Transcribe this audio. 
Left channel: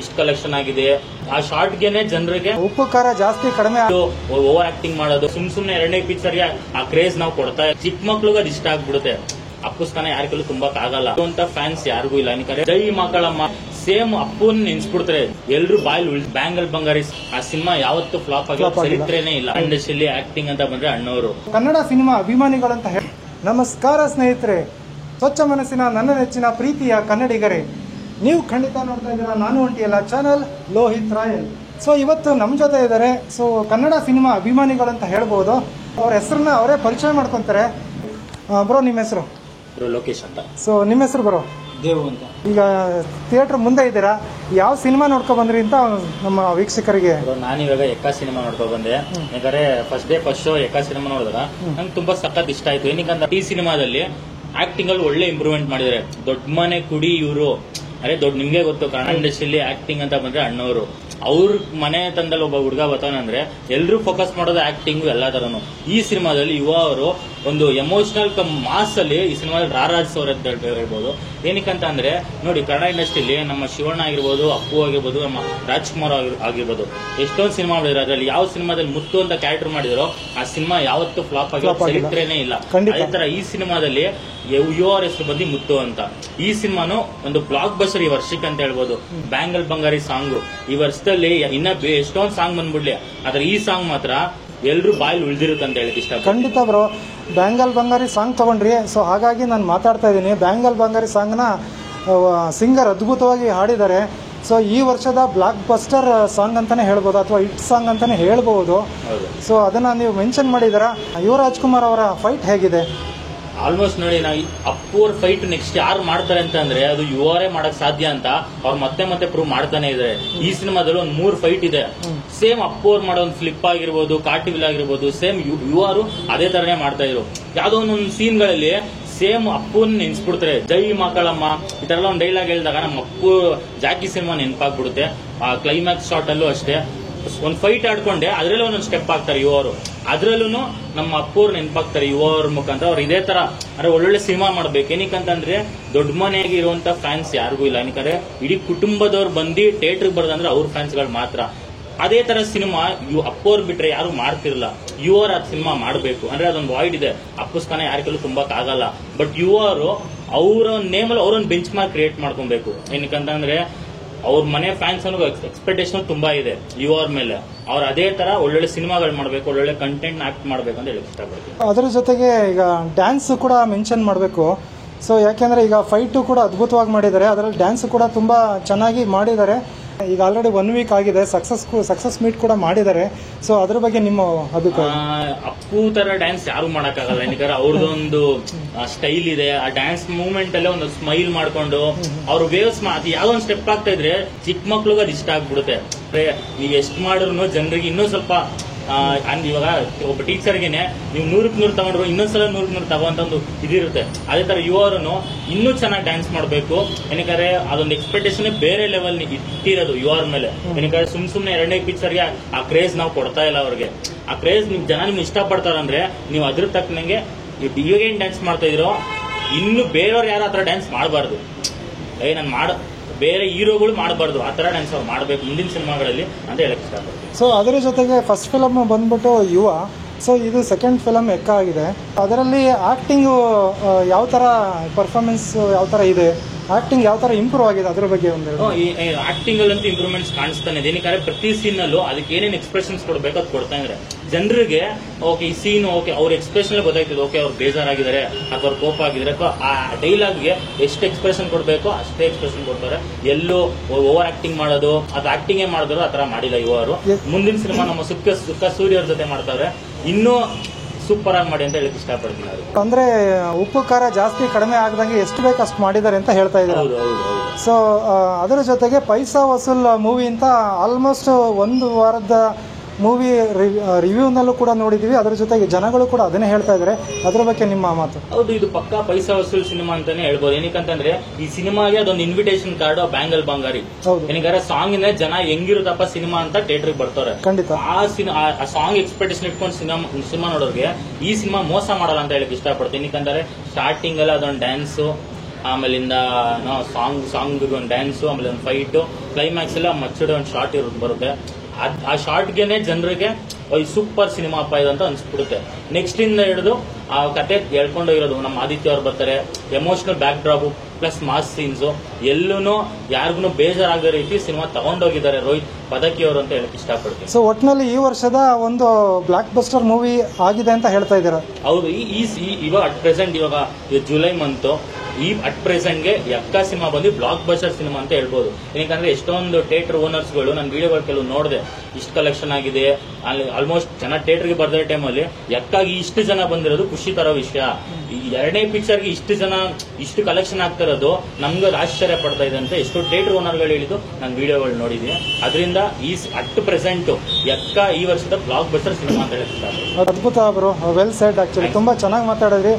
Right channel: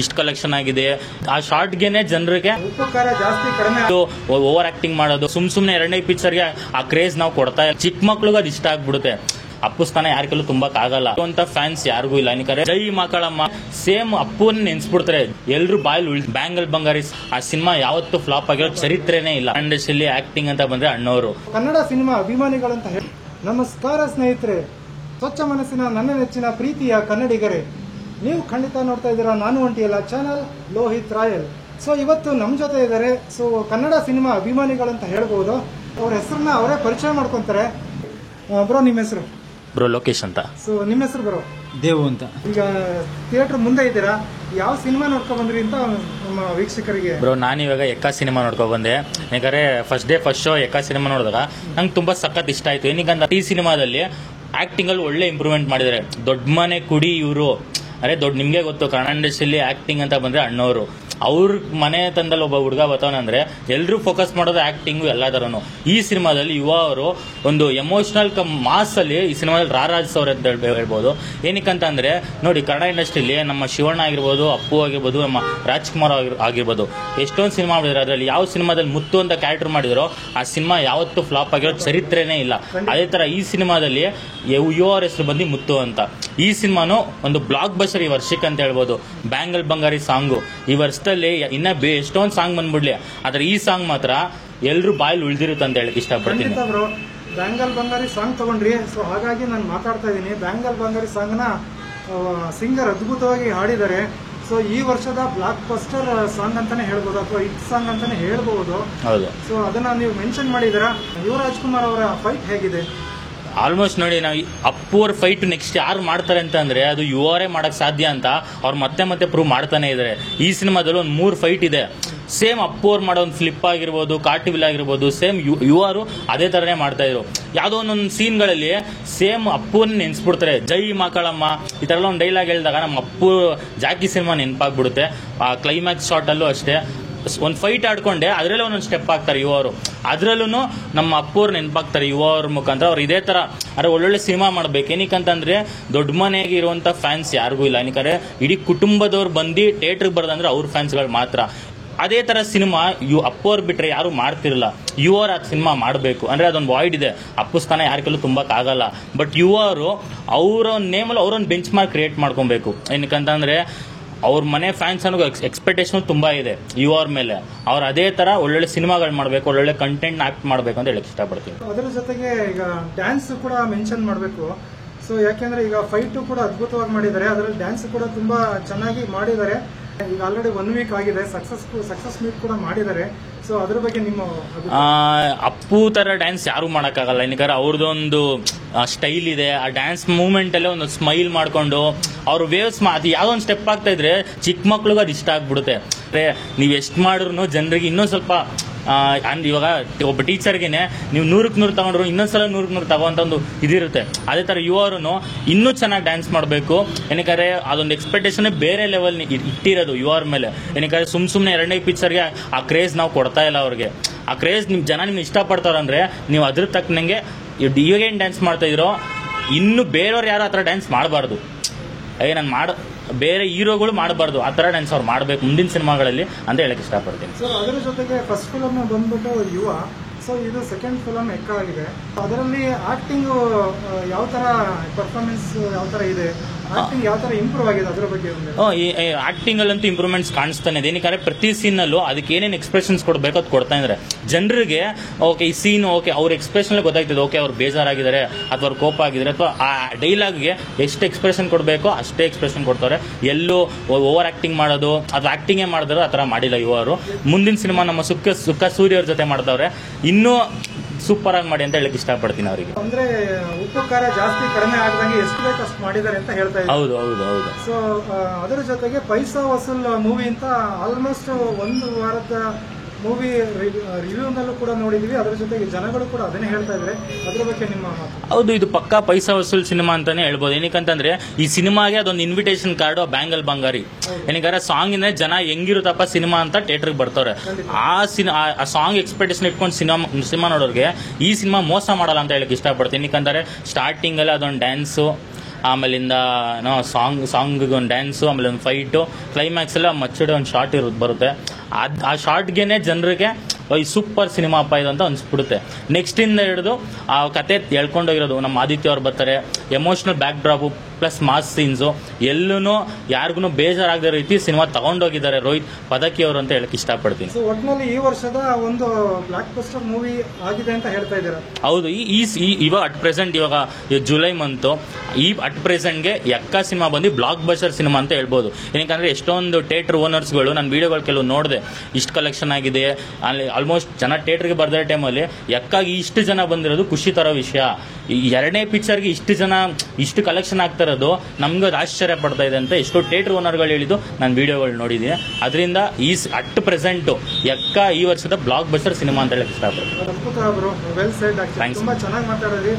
ಇಷ್ಟು ಕಲೆಕ್ಷನ್ ಆಗಿದೆ. ಆ ಶಾರ್ಟ್ ಗೆನೆ ಜನರಿಗೆ ಉಪಕಾರ ಜಾಸ್ತಿ ಕಡಿಮೆ ಓವರ್ ಆಕ್ಟಿಂಗ್ ಮಾಡೋದು, ಸುಮ್ನೆ ಎರಡನೇ ಪಿಕ್ಚರ್ ಗೆ ಆ ಕ್ರೇಜ್ ನಾವು ಕೊಡ್ತಾ ಚಿಕ್ಕ ಮಕ್ಳಿಗೆ ಅದು ಇಷ್ಟ ಆಗ್ಬಿಡುತ್ತೆ. ಅಪ್ಪುಸ್ತಾನ ಯಾರ ಕೆಲವು ತುಂಬಕ್ ಆಗಲ್ಲ ಅಂತ ಫ್ಯಾನ್ಸ್ ಯಾರಿಗೂ ಇಲ್ಲ. ಯಾಕಂದ್ರೆ ಜೈ ಮಕ್ಕಳಮ್ಮ ಸೇಮ್ ಅಪ್ಪುನ್ ನೆನ್ಸ್ಬಿಡ್ತಾರೆ ಎಲ್ರು ಬಾಯಲ್ಲಿ. ಬ್ಯಾಂಗಲ್ ಬಂಗಾರಿ ಆ ಸಿನಿಮಾ ಯಾವತ್ತೂ ಫ್ಲಾಪ್ ಆಗಿರೋ ಚರಿತ್ರೆನೇ ಇಲ್ಲ. ಇಂಡಸ್ಟ್ರಿಯಲ್ಲಿ ಆಕ್ಟಿಂಗ್ ಅಂತ ಬಂದ್ರೆ ಅಣ್ಣವರು. ಕನ್ನಡ ಸಿನಿಮಾ ಅಭಿಮಾನಿಗಳಂತ ಹೇಳಿ ನಮಸ್ಕಾರ ಸ್ನೇಹಿತರೆ, ಸ್ವಚ್ಛ ಮನಸ್ಸಿನ ನನ್ನ ನೆಚ್ಚಿನ ಪ್ರೀತಿಯ ಕನ್ನಡಿಗರೇ, ನೀವು ಖಂಡಿತ ನೋಡ್ತಾ ಇದ್ದೀರಾ ನಾನು ಒಂಟಿಯಲ್ಲ ಚಾನಲ್ ಲೋಹಿತ್ ರಾಯಲ್. ಸೊ ಇವತ್ತು ನಮ್ಮ ಜೊತೆ ಇದ್ದಾರೆ. ಸೊ ಕನ್ನಡ ಸಿನಿಮಾ ಅಭಿಮಾನಿಗಳಂತ ಹೇಳ್ಬೋದು. ಅವ್ರ ಹೆಸರನ್ನ ಅವರೇ ಪರಿಚಯ ಮಾಡ್ಕೊಂತಾರೆ. ಬ್ರೋ, ನಿಮ್ಮ ಹೆಸರು? ಬ್ರೋ ಲೋಕೇಶ್ ಅಂತ. ಸೊ ನಿಮ್ಮ ಹೆಸರು ಬ್ರೋ? ದೇವು ಅಂತ. ಈಗ ಥಿಯೇಟರ್ ಮುಂದೆ ಇದ್ದೀರಾ, ಯಾವ ಸಿನಿಮಾ ನೋಡ್ಕೊ ಬಂದ್ರಿ ಅಂತ ನಮ್ಮ ವೀಕ್ಷಕರಿಗೆ? ಬ್ರೋ, ನಾನಿವಾಗ ಎಕ್ಕಾ ಸಿನಿಮಾ ನೋಡ್ಕೊ ಬಂದೆ. ಯಾಕಂದ್ರೆ first day first show Ekka cinema ನೋಡಿದಾಗ ನಂಗೆ ತುಂಬಾ ಸಖತ್ ಇಷ್ಟ ಆಯ್ತು. ಏನಕ್ಕಂತ ಈ ಸಿನಿಮಾದಲ್ಲಿ ಆಕ್ಟಿಂಗ್ ಅಲ್ಲಿ ಒಳ್ಳೆ ಇಂಪ್ರೂವ್ಮೆಂಟ್ ಮಾಡಿದ್ದಾರೆ. ದೊಡ್ಡ ಮನೆ ಕುಡಿ ಇವರು, ಅರೆ ದೊಡ್ಡ ನಿಮ್ಗೆ ಗೊತ್ತು ಕನ್ನಡ ಇಂಡಸ್ಟ್ರಿಯಲ್ಲಿ ಆಕ್ಟಿಂಗ್ ಅಂತ ಬಂದ್ರೆ ಅಣ್ಣವರು. ಅವ್ರ ಮನೆ ತಂದಲ್ಲಿ ಒಬ್ಬ ಹುಡುಗ ಬರ್ತಾನಂದ್ರೆ ಎಲ್ರು ಫೋಕಸ್ ಮಾಡೋದು ಆಕ್ಟಿಂಗ್ ಎಲ್ಲ ತರನು. ಈ ಸಿನಿಮಾದಲ್ಲಿ ಯುವ ಅವರು ಒಂದು ಎಮೋಷನಲ್ ಮಾಸ್ ಅಲ್ಲಿ ಈ ಸಿನಿಮಾದಲ್ಲಿ ರಾರಾಜಿಸೋರು ಅಂತ ಹೇಳ್ಬೋದು. ಏನಕ್ಕಂತ ಅಂದ್ರೆ ನೋಡಿ, ಕನ್ನಡ ಇಂಡಸ್ಟ್ರಿಯಲ್ಲಿ ನಮ್ಮ ಶಿವಣ್ಣ ಆಗಿರ್ಬೋದು, ಅಪ್ಪು ಆಗಿರ್ಬೋದು, ನಮ್ಮ ರಾಜ್ಕುಮಾರ್ ಆಗಿರ್ಬೋದು, ಎಷ್ಟೊಂದು ಸಿನಿಮಾ ಮಾಡಿದ್ರು. ಅದರಲ್ಲಿ ಯಾವ ಸಿನಿಮಾದಲ್ಲಿ ಮುತ್ತು ಅಂತ ಕ್ಯಾರೆಕ್ಟರ್ ಮಾಡಿದ್ರು ಆ ಸಿನಿಮಾ ಯಾವತ್ತೂ ಫ್ಲಾಪ್ ಆಗಿರೋ ಚರಿತ್ರೆನೇ ಇಲ್ಲ. ಅದೇ ತರ ಈ ಸಿನಿಮಾದಲ್ಲಿ ಯುವ ಹೆಸರು ಬಂದು ಮುತ್ತು ಅಂತ. ಈ ಸಿನಿಮಾನು ಒಂದು ಬ್ಲಾಕ್ ಬಸ್ಟರ್ ಈ ವರ್ಷಕ್ಕೆ ಅಂತ ಹೇಳ್ಬೋದು. ಬ್ಯಾಂಗಲ್ ಬಂಗಾರಿ ಸಾಂಗು ಈ ವರ್ಷದಲ್ಲಿ ಇನ್ನ ಎಷ್ಟೊಂದು ಸಾಂಗ್ ಬಂದ್ಬಿಡ್ಲಿ, ಆದ್ರೆ ಈ ಸಾಂಗ್ ಮಾತ್ರ ಎಲ್ರು ಬಾಯಲ್ಲಿ ಉಳಿದಿರುತ್ತೆ ಅಂತ ಹೇಳಕ್ ಇಷ್ಟ. ಖಂಡಿತ ಬ್ರೋ, ಬ್ಯಾಂಗಲ್ ಬಂಗಾರಿ ಸಾಂಗ್ ತಗೊಂಡ್ರಿ. ಸೊ ಹಾಗಾಗಿ ನಾನು ಮಾತಾಡ್ತಾ ಇದ್ದೀನಿ. ಬ್ಯಾಂಗಲ್ ಬಂಗಾರಿ ಸಾಂಗ್ನ ಸಿಂಗರ್ ಅದ್ಭುತವಾಗಿ ಹಾಡಿದ್ದಾರೆ. ಸೊ ಈ ವರ್ಷದ ಬ್ಲಾಕ್ ಬಸ್ಟರ್ ಸಾಂಗ್ ಅಂತಾನೆ ಹೇಳ್ಬೋದು, ಅಥವಾ ಹಿಟ್ ಸಾಂಗ್ ಅಂತಾನೆ ಹೇಳ್ಬಹುದು. ಸೊ ಅದನ್ನ ನೀವು ಮೆನ್ಷನ್ ಮಾಡಿದಾರ. ಯುವ ರಾಜ್ಕುಮಾರ್ ಅವರ ಫೈಟ್ ಹೇಗಿದೆ? ಆಲ್ಮೋಸ್ಟ್ ನೋಡಿ, ನಾವು ಅಪ್ಪು ಅವ್ರ ಫೈಟ್ ನೆಕ್ಸ್ಟ್ ಯಾರು ಮಾಡ್ತಾರೆ ಅಂತ ಅಂದ್ರೆ ಅದು ಯುವರೇ ಮಾಡಕ್ ಸಾಧ್ಯ ಅಂತ ಅವ್ರು ಮತ್ತೆ ಪ್ರೂವ್ ಮಾಡ್ತಾನೆ ಇದಾರೆ. ಈ ಸಿನಿಮಾದಲ್ಲಿ ಒಂದು 3 ಫೈಟ್ ಇದೆ. ಸೇಮ್ ಅಪ್ಪು ಅವ್ರು ಮಾಡೋ ಒಂದು ಫ್ಲಿಪ್ ಆಗಿರ್ಬೋದು, ಕಾರ್ಟಿವಿಲ್ ಆಗಿರ್ಬೋದು, ಸೇಮ್ ಯುವರು ಅದೇ ತರನೇ ಮಾಡ್ತಾ ಇದ್ರು. ಯಾವ್ದೋ ಒಂದೊಂದು ಸೀನ್ ಗಳಲ್ಲಿ ಸೇಮ್ ಅಪ್ಪುನ್ ನೆನ್ಸ್ಬಿಡ್ತಾರೆ. ಜೈ ಮಕ್ಕಳಮ್ಮ ಈ ತರ ಒಂದು ಡೈಲಾಗ್ ಹೇಳಿದಾಗ ನಮ್ಮ ಅಪ್ಪು ಜಾಕಿ ಸಿನಿಮಾ ನೆನಪಾಗ್ಬಿಡುತ್ತೆ. ಆ ಕ್ಲೈಮ್ಯಾಕ್ಸ್ ಶಾಟ್ ಅಲ್ಲೂ ಅಷ್ಟೇ ಒಂದು ಫೈಟ್ ಆಡ್ಕೊಂಡೆ ಅದ್ರಲ್ಲೇ ಒಂದೊಂದು ಸ್ಟೆಪ್ ಆಗ್ತಾರೆ ಯುವರು. ಅದ್ರಲ್ಲೂ ನಮ್ಮ ಅಪ್ಪವ್ರು ನೆನಪಾಗ್ತಾರೆ ಯುವರ ಮುಖಾಂತರ. ಅವ್ರು ಇದೇ ತರ ಅಂದ್ರೆ ಒಳ್ಳೊಳ್ಳೆ ಸಿನಿಮಾ ಮಾಡ್ಬೇಕು. ಏನಕ್ಕಂತಂದ್ರೆ ದೊಡ್ಡ ಮನೆಗೆ ಇರುವಂತ ಫ್ಯಾನ್ಸ್ ಯಾರಿಗೂ ಇಲ್ಲ. ಏನಕ್ಕೆ ಇಡೀ ಕುಟುಂಬದವ್ರು ಬಂದು ಥಿಯೇಟರ್ಗೆ ಬರ್ದಂದ್ರೆ ಅವ್ರ ಫ್ಯಾನ್ಸ್ಗಳು ಮಾತ್ರ. ಅದೇ ತರ ಸಿನಿಮಾ ಅಪ್ಪವ್ರು ಬಿಟ್ರೆ ಯಾರು ಮಾಡ್ತಿರಲ್ಲ. ಯುವರ್ ಆ ಸಿನಿಮಾ ಮಾಡಬೇಕು ಅಂದ್ರೆ ಅದೊಂದು ವಾಯ್ಡ್ ಇದೆ. ಅಪ್ಪುಸ್ತಾನ ಯಾರ ಕೆಲವು ತುಂಬಕ್ ಆಗಲ್ಲ. ಬಟ್ ಯುವರು ಅವರ ನೇಮಲ್ಲಿ ಅವರೊಂದು ಬೆಂಚ್ ಮಾರ್ಕ್ ಕ್ರಿಯೇಟ್ ಮಾಡ್ಕೊಬೇಕು. ಏನಕ್ಕಂತಂದ್ರೆ ಅವ್ರ ಮನೆ ಫ್ಯಾನ್ಸ್ ಅನ್ನೋ ಎಕ್ಸ್ಪೆಕ್ಟೇಷನ್ ತುಂಬಾ ಇದೆ ಯುವರ್ ಮೇಲೆ. ಅವ್ರು ಅದೇ ತರ ಒಳ್ಳೊಳ್ಳೆ ಸಿನಿಮಾಗಳು ಮಾಡ್ಬೇಕು, ಒಳ್ಳೊಳ್ಳೆ ಕಂಟೆಂಟ್ ಆಕ್ಟ್ ಮಾಡ್ಬೇಕು ಅಂತ ಹೇಳಕ್ ಇಷ್ಟಪಡ್ತೀನಿ. ಅದರ ಜೊತೆಗೆ ಈಗ ಡ್ಯಾನ್ಸ್ ಕೂಡ ಮೆನ್ಷನ್ ಮಾಡಬೇಕು. ಸೊ ಯಾಕೆಂದ್ರೆ ಈಗ ಫೈಟು ಕೂಡ ಅದ್ಭುತವಾಗಿ ಮಾಡಿದ್ದಾರೆ, ಅದರಲ್ಲಿ ಡ್ಯಾನ್ಸ್ ಕೂಡ ತುಂಬಾ ಚೆನ್ನಾಗಿ ಮಾಡಿದ್ದಾರೆ. ಈಗ ಆಲ್ರೆಡಿ 1 ವೀಕ್ ಆಗಿದೆ, ಸಕ್ಸಸ್ ಮೀಟ್ ಕೂಡ ಮಾಡಿದ್ದಾರೆ. ಸೊ ಅದ್ರ ಬಗ್ಗೆ ನಿಮ್ಮ ಅಪ್ಪು ತರ ಡ್ಯಾನ್ಸ್ ಯಾರು ಮಾಡಕ್ಕಾಗಲ್ಲ. ಏನಕ್ಕೆ ಅವ್ರದೊಂದು ಸ್ಟೈಲ್ ಇದೆ. ಆ ಡ್ಯಾನ್ಸ್ ಮೂವ್ಮೆಂಟ್ ಅಲ್ಲೇ ಒಂದು ಸ್ಮೈಲ್ ಮಾಡ್ಕೊಂಡು ಅವ್ರು ವೇವ್ಸ್ ಅದು ಯಾವ್ದೋ ಒಂದು ಸ್ಟೆಪ್ ಆಗ್ತಾ ಇದ್ರೆ ಚಿಕ್ಕ ಮಕ್ಳಿಗೆ ಅದು ಇಷ್ಟ ಆಗ್ಬಿಡುತ್ತೆ. ನೀವ್ ಎಷ್ಟ್ ಮಾಡಿದ್ರು ಜನರಿಗೆ ಇನ್ನೂ ಸ್ವಲ್ಪ ಇವಾಗ ಒಬ್ಬ ಟೀಚರ್ಗೆನೆ ನೀವು 100ಕ್ಕೆ 100 ತಗೊಂಡ್ರು ಇನ್ನೊಂದ್ಸಲ 100ಕ್ಕೆ 100 ತಗೋಂತ ಒಂದು ಇದಿರುತ್ತೆ. ಅದೇ ತರ ಯುವರನ್ನು ಇನ್ನೂ ಚೆನ್ನಾಗಿ ಡ್ಯಾನ್ಸ್ ಮಾಡಬೇಕು. ಏನಕ್ಕೆ ಅದೊಂದು ಎಕ್ಸ್ಪೆಕ್ಟೇಷನ್ ಬೇರೆ ಲೆವೆಲ್ ಇಟ್ಟಿರೋದು ಯುವರ್ ಮೇಲೆ. ಏನಕ್ಕೆ ಸುಮ್ನೆ ಎರಡನೇ ಪಿಕ್ಚರ್ಗೆ ಆ ಕ್ರೇಜ್ ನಾವು ಕೊಡ್ತಾ ಇಲ್ಲ ಅವ್ರಿಗೆ. ಆ ಕ್ರೇಜ್ ನಿಮ್ ಜನ ನಿಮ್ಗೆ ಇಷ್ಟ ಪಡ್ತಾರಂದ್ರೆ ನೀವು ಅದ್ರ ತಕ್ಕನಂಗೆ ಇವಾಗೇನ್ ಡ್ಯಾನ್ಸ್ ಮಾಡ್ತಾ ಇದ್ರೋ ಇನ್ನು ಬೇರೆಯವ್ರು ಯಾರು ಆತರ ಡ್ಯಾನ್ಸ್ ಮಾಡಬಾರ್ದು. ನಾನು ಬೇರೆ ಹೀರೋಗಳು ಮಾಡಬಾರ್ದು, ಆ ತರ ಡ್ಯಾನ್ಸ್ ಅವ್ರು ಮಾಡಬೇಕು ಮುಂದಿನ ಸಿನಿಮಾಗಳಲ್ಲಿ ಅಂತ ಹೇಳಕ್ ಇಷ್ಟಪಡ್ತೀನಿ. ಸೊ ಅದರ ಜೊತೆಗೆ ಫಸ್ಟ್ ಫಿಲಮ್ ಬಂದ್ಬಿಟ್ಟು ಯುವ. ಸೊ ಇದು ಸೆಕೆಂಡ್ ಫಿಲಮ್ ಎಕ್ಕ ಆಗಿದೆ. ಅದರಲ್ಲಿ ಆಕ್ಟಿಂಗ್ ಯಾವ ತರ ಪರ್ಫಾರ್ಮೆನ್ಸ್ ಯಾವ ತರ ಇದೆ, ಆಕ್ಟಿಂಗ್ ಯಾವ ತರ ಇಂಪ್ರೂವ್ ಆಗಿದೆ ಅದ್ರ ಬಗ್ಗೆ ಒಂದು ಆಕ್ಟಿಂಗ್ ಅಲ್ಲಂತೂ ಇಂಪ್ರೂವ್ಮೆಂಟ್ಸ್ ಕಾಣಿಸ್ತಾನೆ ಇದೆ. ಏನಕ್ಕೆ ಪ್ರತಿ ಸೀನ್ ಅಲ್ಲೂ ಅದಕ್ಕೆ ಏನೇನು ಎಕ್ಸ್ಪ್ರೆಷನ್ಸ್ ಕೊಡ್ಬೇಕು ಅದು ಕೊಡ್ತಾ ಇದ್ದಾರೆ ಜನರಿಗೆ. ಓಕೆ ಈ ಸೀನ್ ಓಕೆ ಅವ್ರ ಎಕ್ಸ್ಪ್ರೆಷನ್ ಗೊತ್ತಾಗ್ತದೆ. ಓಕೆ ಅವ್ರು ಬೇಜಾರಾಗಿದ್ದಾರೆ ಅಥವಾ ಅವ್ರು ಕೋಪ ಆಗಿದ್ದಾರೆ ಅಥವಾ ಆ ಡೈಲಾಗ್ಗೆ ಎಷ್ಟು ಎಕ್ಸ್ಪ್ರೆಷನ್ ಕೊಡಬೇಕೋ ಅಷ್ಟೇ ಎಕ್ಸ್ಪ್ರೆಷನ್ ಕೊಡ್ತಾರೆ. ಎಲ್ಲೂ ಓವರ್ ಆಕ್ಟಿಂಗ್ ಮಾಡೋದು ಅದು ಆಕ್ಟಿಂಗೇ ಮಾಡಿದ್ರು ಆ ತರ ಮಾಡಿಲ್ಲ ಇವರು. ಮುಂದಿನ ಸಿನಿಮಾ ನಮ್ಮ ಸುಕ್ಕ ಸೂರ್ಯ ಅವ್ರ ಜೊತೆ ಮಾಡಿದವ್ರೆ, ಇನ್ನೂ ಸೂಪರ್ ಆಗಿ ಮಾಡಿ ಅಂತ ಹೇಳಕ್ ಇಷ್ಟಪಡ್ತೀನಿ ಅವರಿಗೆ. ಅಂದ್ರೆ ಉಪ್ಪು ಖಾರ ಜಾಸ್ತಿ ಕಡಿಮೆ ಆಗದಂಗೆ ಎಷ್ಟು ಬೇಕು ಅಷ್ಟು ಮಾಡಿದ್ದಾರೆ ಅಂತ ಹೇಳ್ತಾ ಇದ್ದಾರೆ. ಸೊ ಅದರ ಜೊತೆಗೆ ಪೈಸಾ ವಸೂಲ್ ಮೂವಿ ಅಂತ ಆಲ್ಮೋಸ್ಟ್ 1 ವಾರದ ಮೂವಿ ರಿವ್ಯೂನಲ್ಲೂ ಕೂಡ ನೋಡಿದೀವಿ. ಅದರ ಜೊತೆಗೆ ಜನಗಳು ಕೂಡ ಅದನ್ನೇ ಹೇಳ್ತಾ ಇದ್ದಾರೆ. ಅದ್ರ ಬಗ್ಗೆ ನಿಮ್ಮ ಮಾತು? ಹೌದು, ಇದು ಪಕ್ಕಾ ಪೈಸಾ ವಸೂಲ್ ಸಿನಿಮಾ ಅಂತಾನೆ ಹೇಳ್ಬೋದು. ಏನಕ್ಕಂತಂದ್ರೆ ಈ ಸಿನಿಮಾಗೆ ಅದೊಂದು ಇನ್ವಿಟೇಷನ್ ಕಾರ್ಡ್ ಬ್ಯಾಂಗಲ್ ಬಂಗಾರಿ. ಏನಕ್ಕೆ ಸಾಂಗ್ ಇಂದ ಜನ ಹೆಂಗಿರುತ್ತಪ್ಪ ಸಿನಿಮಾ ಅಂತ ಥಿಯೇಟರ್ಗೆ ಬರ್ತಾರೆ. ಆ ಸಾಂಗ್ ಎಕ್ಸ್ಪೆಕ್ಟೇಷನ್ ಇಟ್ಕೊಂಡು ಸಿನಿಮಾ ನೋಡೋರಿಗೆ ಈ ಸಿನಿಮಾ ಮೋಸ ಮಾಡಲ್ಲ ಅಂತ ಹೇಳಕ್ ಇಷ್ಟಪಡ್ತೀನಿ. ಯಾಕಂದ್ರೆ ಸ್ಟಾರ್ಟಿಂಗ್ ಅಲ್ಲಿ ಅದೊಂದು ಡ್ಯಾನ್ಸ್ ಆಮೇಲಿಂದ ಸಾಂಗ್ ಒಂದು ಡ್ಯಾನ್ಸು, ಆಮೇಲೆ ಒಂದು ಫೈಟು, ಕ್ಲೈಮ್ಯಾಕ್ಸ್ ಎಲ್ಲ ಮಚ್ಚಡಿ ಒಂದು ಶಾರ್ಟ್ ಬರುತ್ತೆ. ಆ ಶಾರ್ಟ್ಗೆನೆ ಜನರಿಗೆ ಈ ಸೂಪರ್ ಸಿನಿಮಾ ಅಪ್ಪ ಇದು ಅಂತ ಅನ್ಸ್ಬಿಡುತ್ತೆ. ನೆಕ್ಸ್ಟ್ ಇಂದ ಹಿಡಿದು ಆ ಕತೆ ಹೇಳ್ಕೊಂಡೋಗಿರೋದು ನಮ್ಮ ಆದಿತ್ಯ ಅವ್ರು ಬರ್ತಾರೆ, emotional backdrop plus mass scenes ಎಲ್ಲೂ ಯಾರಿಗೂ ಬೇಜಾರಾಗದ ರೀತಿ ಸಿನಿಮಾ ತಗೊಂಡೋಗಿದ್ದಾರೆ ರೋಹಿತ್ ಪದಕಿ ಅವರು ಅಂತ ಹೇಳಕ್ ಇಷ್ಟಪಡ್ತೀನಿ. ಸೊ ಒಟ್ಟಿನಲ್ಲಿ ಈ ವರ್ಷದ ಒಂದು ಬ್ಲಾಕ್ ಬಸ್ಟರ್ ಮೂವಿ ಆಗಿದೆ ಅಂತ ಹೇಳ್ತಾ ಇದ್ದೀರಾ? ಹೌದು. ಇವಾಗ ಅಟ್ ಪ್ರೆಸೆಂಟ್ ಇವಾಗ ಜುಲೈ ಮಂತ್ ಅಟ್ ಪ್ರೆಸೆಂಟ್ಗೆ ಯಕ್ಕ ಸಿನಿಮಾ ಬಂದು ಬ್ಲಾಕ್ ಬಸ್ಟರ್ ಸಿನಿಮಾ ಅಂತ ಹೇಳ್ಬೋದು. ಏನಕ್ಕಂದ್ರೆ ಎಷ್ಟೊಂದು ಥಿಯೇಟರ್ ಓನರ್ಸ್ಗಳು ನನ್ನ ವಿಡಿಯೋಗಳು ಕೆಲವು ನೋಡಿದೆ, ಇಷ್ಟು ಕಲೆಕ್ಷನ್ ಆಗಿದೆ, ಅಲ್ಲಿ ಆಲ್ಮೋಸ್ಟ್ ಜನ ಥಿಯೇಟರ್ಗೆ ಬರ್ದಿರೋ ಟೈಮಲ್ಲಿ ಯಕ್ಕಾಗಿ ಇಷ್ಟು ಜನ ಬಂದಿರೋದು ಖುಷಿ ತರೋ ವಿಷಯ. ಈ ಎರಡನೇ ಪಿಕ್ಚರ್ಗೆ ಇಷ್ಟು ಕಲೆಕ್ಷನ್ ಆಗ್ತಾ ಇರೋದು ನಮ್ಗೆ ಆಶ್ಚರ್ಯ ಪಡ್ತಾ ಇದೆ ಅಂತ ಎಷ್ಟೋ ಥಿಯೇಟರ್ ಓನರ್ಗಳು ಹೇಳಿದ್ದು ನಾನು ವಿಡಿಯೋಗಳು ನೋಡಿದ್ದೀನಿ. ಅದರಿಂದ ಅಟ್ ಪ್ರೆಸೆಂಟ್ ಯಕ್ಕ ಈ ವರ್ಷದ ಬ್ಲಾಕ್ ಬಸ್ಟರ್ ಸಿನಿಮಾ ಅಂತ ಹೇಳಿ ಇಷ್ಟಪಡ್ತೀನಿ. ಅದ್ಭುತ ಬ್ರೋ, ವೆಲ್ ಸೆಡ್. ಆಕ್ಚುಲಿ ತುಂಬಾ ಚೆನ್ನಾಗಿ ಮಾತಾಡಿದ್ರಿ.